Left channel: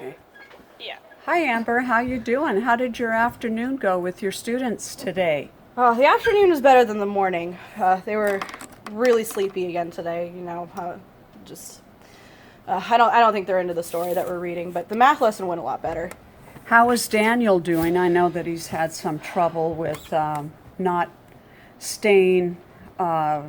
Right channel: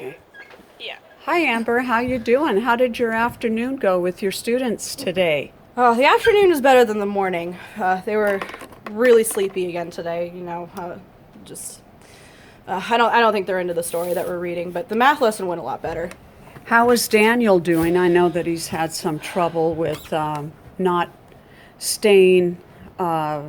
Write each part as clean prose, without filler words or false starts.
Okay. Yeah. Hi Amber, how you doing? How did your afternoon go with your students today? The afternoon is better than the morning. They were really sleepy again today. Just I don't think they're into the story that we're reading, but the math lesson went a lot better. How is Daniel doing? I know that he's had some trouble with not staying uh,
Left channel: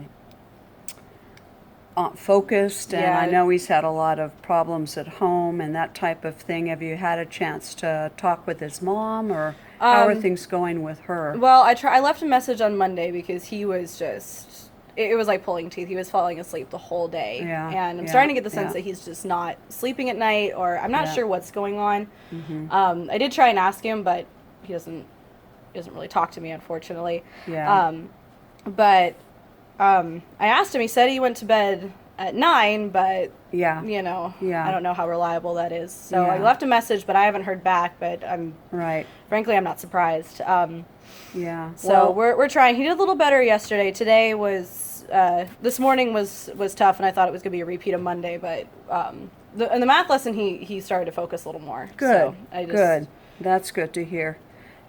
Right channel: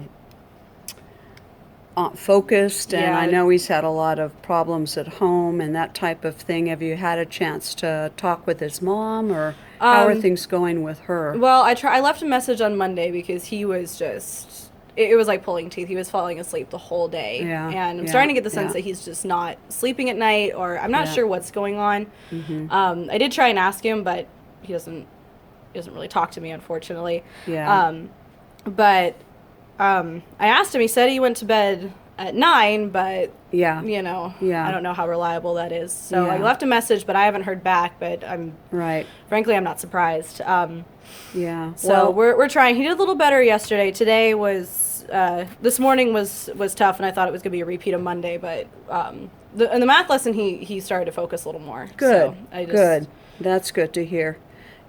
focused, and I Yeah. know he's had a lot of problems at home and that type of thing. Have you had a chance to talk with his mom, or how are Um. things going with her? Well, I left a message on Monday because he was just. It was like pulling teeth. He was falling asleep the whole day, Yeah, and I'm yeah, starting to get the sense yeah, that he's just not sleeping at night, or I'm not yeah. sure what's going on. Mm-hmm. I did try and ask him, but he doesn't really talk to me, unfortunately. Yeah, Um, but I asked him. He said he went to bed at 9, but yeah, I yeah, don't know how reliable that is. So I yeah. left a message, but I haven't heard back. But Right. frankly, I'm not surprised. Yeah. So Well, we're trying. He did a little better yesterday. Today was this morning was tough, and I thought it was gonna be a repeat of Monday. But in the math lesson, he started to focus a little more. good, So I just good. That's good to hear.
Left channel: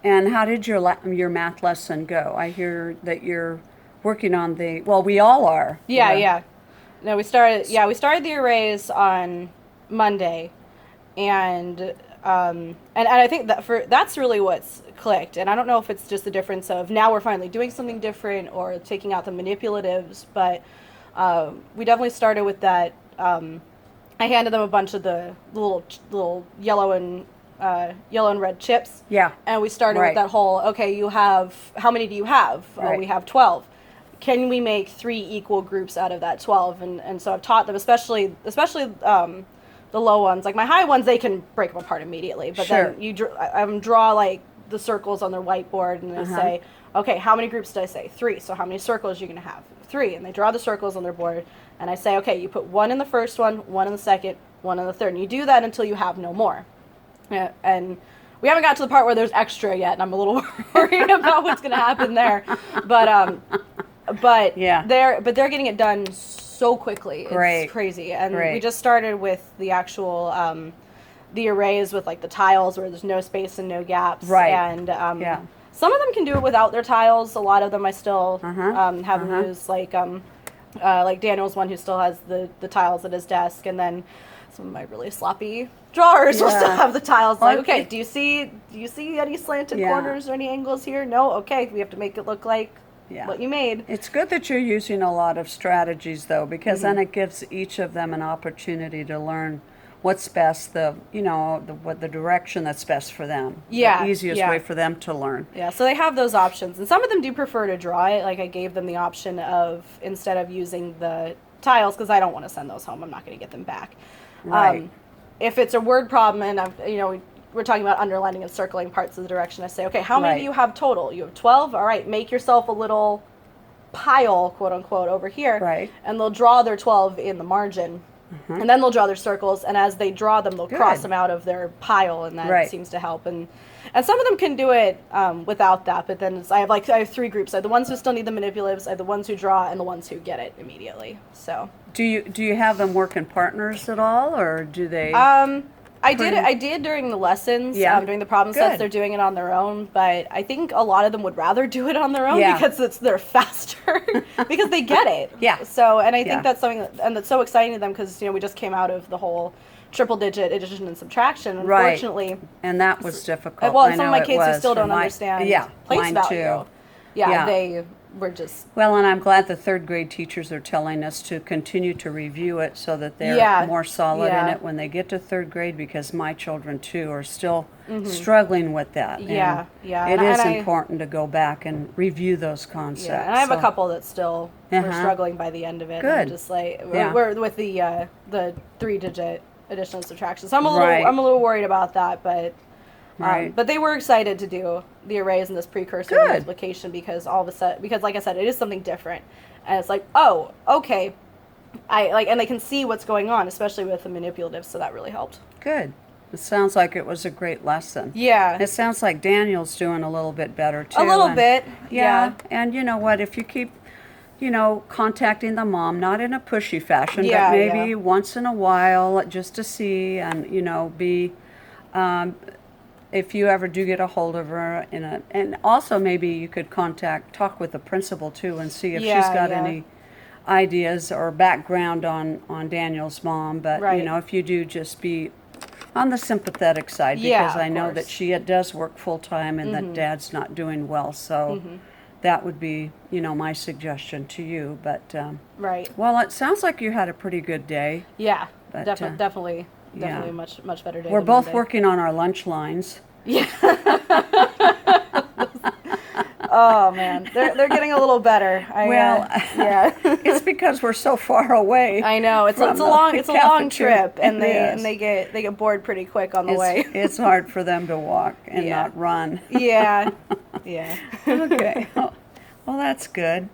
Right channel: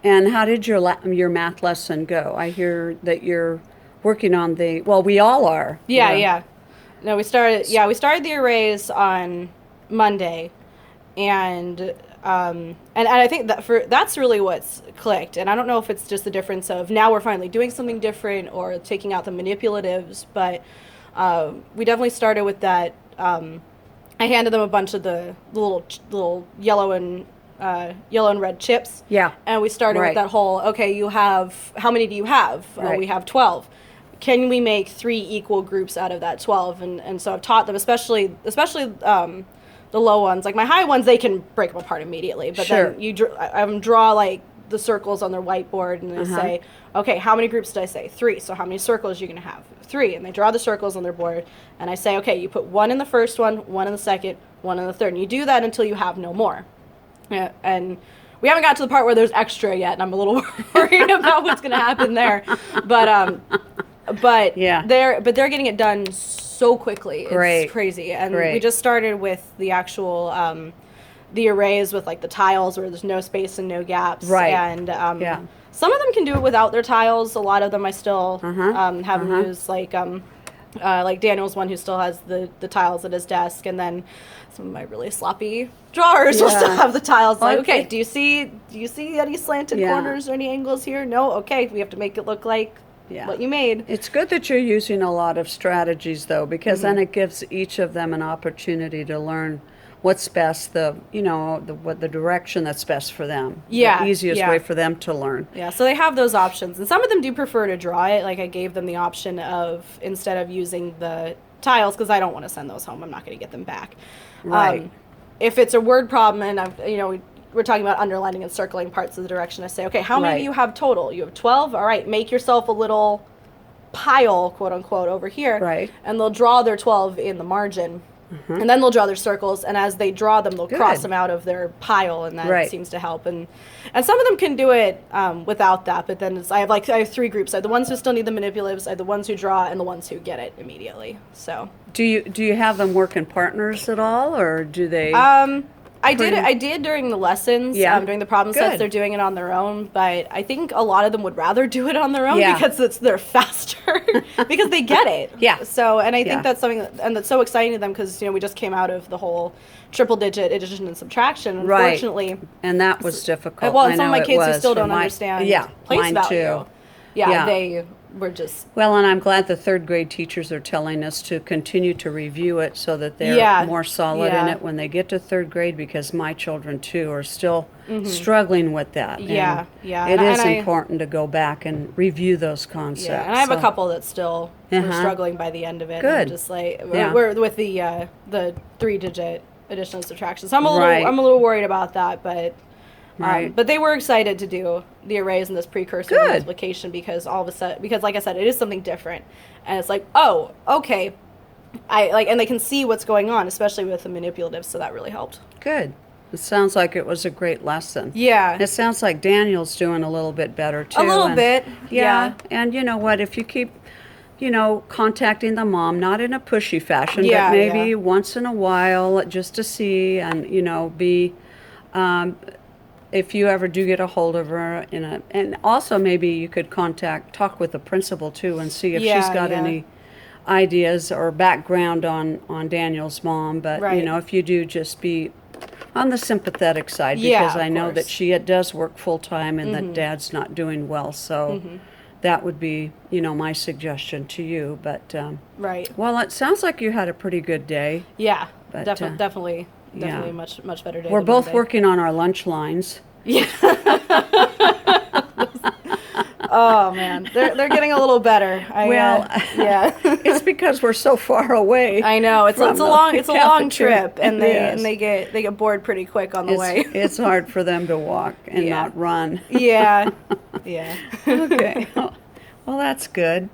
And how did your math lesson go? I hear that you're working on the, well, we all are. yeah, yeah. No, we started the arrays on Monday, and and I think that's really what's clicked. And I don't know if it's just the difference of now we're finally doing something different or taking out the manipulatives, but we definitely started with that. I handed them a bunch of the little yellow and red chips, Yeah. and we started with Right. that whole, okay, you have, how many do you have? Oh, Right. we have 12. Can we make 3 equal groups out of that 12? And so I've taught them, especially the low ones. Like my high ones, they can break them apart immediately. But Sure. then I have them draw like the circles on their whiteboard, and they Uh-huh. say, okay, how many groups did I say? 3. So how many circles are you going to have? 3. And they draw the circles on their board, and I say, okay, you put 1 in the first one in the second, 1 in the third. And you do that until you have no more. Yeah, and we haven't got to the part where there's extra yet, and I'm a little worried about what's going to happen there. But but Yeah. they're getting it done so quickly. Great. It's crazy. And we Great. just started with the actual the arrays with like the tiles where there's no space and no gaps. Right. And Yeah. some of them can do it without their tiles. A lot of them I still Uh-huh. have them Uh-huh. use like Daniel's one who still has the tiles at his desk, and then some of my really sloppy drawers will still Yeah. have the tiles. Like, okay, Okay. do you see any slanted Yeah. corners or any angles here? No. Okay, we have to make it look like Yeah. what you made. It's good that you're using a lot of strategies though, because then it gives each of them an opportunity to learn what's best, the direction that's best for them. Yeah, The easiest yeah. way for them to learn. Yeah, so they have those options. And some of them do prefer to draw it. Like I gave them the option of, instead of using the tiles, because I don't want to send those home, I'm not going to get them back. Right. If it's a word problem and we're talking about underlining and circling parts of the direction, I say, okay, how many Right. do you have total? You have 12? All right, make yourself a little pile, quote unquote, over here. Right. And they'll draw their 12 in the margin. And then they'll draw their circles, and as they draw them, they'll cross Good. them out of their pile, and that Right. seems to help. And some of them can do it without that, but then I have 3 groups. I have the ones who still need the manipulatives, I have the ones who draw, and the ones who get it immediately. So Do you have them work in partners at all, or do they? I did during the lessons, Yeah. during the problem sets. Good. They're doing it on their own, but I think a lot of them would rather do it on their own Yeah. because they're faster because they get it. Yeah. So, and I Yeah. think that's something that's so exciting to them because we just came out of the whole triple digit addition and subtraction. Right. Unfortunately, And that was difficult. well, I and some of know my it kids who was still for don't my- understand Yeah, place mine value. too. Yeah, they were just Well, and I'm glad the third grade teachers are telling us to continue to review it so that they're Yeah, more solid in yeah. it when they get to third grade, because my children too are still struggling with that. Yeah, And yeah. It And is I- important to go back and review those concepts. Yeah, and I have a So, couple that still were Uh-huh. struggling by the end of it. And I'm Good. just like Yeah. we're with the 3-digit addition and subtraction. So Right. I'm a little worried about that, Right. but they were excited to do the arrays and this precursor Good. multiplication because all of a sudden, because like I said, it is something different, and it's like, oh, okay, and they can see what's going on, especially with the manipulatives. So that really helped. Good. It sounds like it was a great lesson. Yeah, It sounds like Daniel's doing a little bit better too. a little and- bit. Yeah, and you know what? If you keep, contacting the mom, not in a pushy fashion, Yeah, but maybe yeah. once in a while, just to see and, be If you ever do get a hold of her and also maybe you could talk with the principal too and see if she's Yeah, got yeah. any ideas or background on Daniel's mom. But you Right. know, if you do, just be on the sympathetic side Yeah, because of I know that course. she does work full time and that Dad's not doing well. So that would be, you know, my suggestion to you. But Right. well, it sounds like you had a pretty good day. Yeah. But Definitely yeah. a much better day. We're than both Monday. working on our lunch lines. Yeah. Oh man, they're getting a little better. Well, Yeah. it's because we're so far away. I know it's from a the long cafeteria. trip, and Yes. they get bored pretty quick on the way. It's hard for them to walk and Yeah. not run. Yeah. Yeah. Okay. Well, that's good.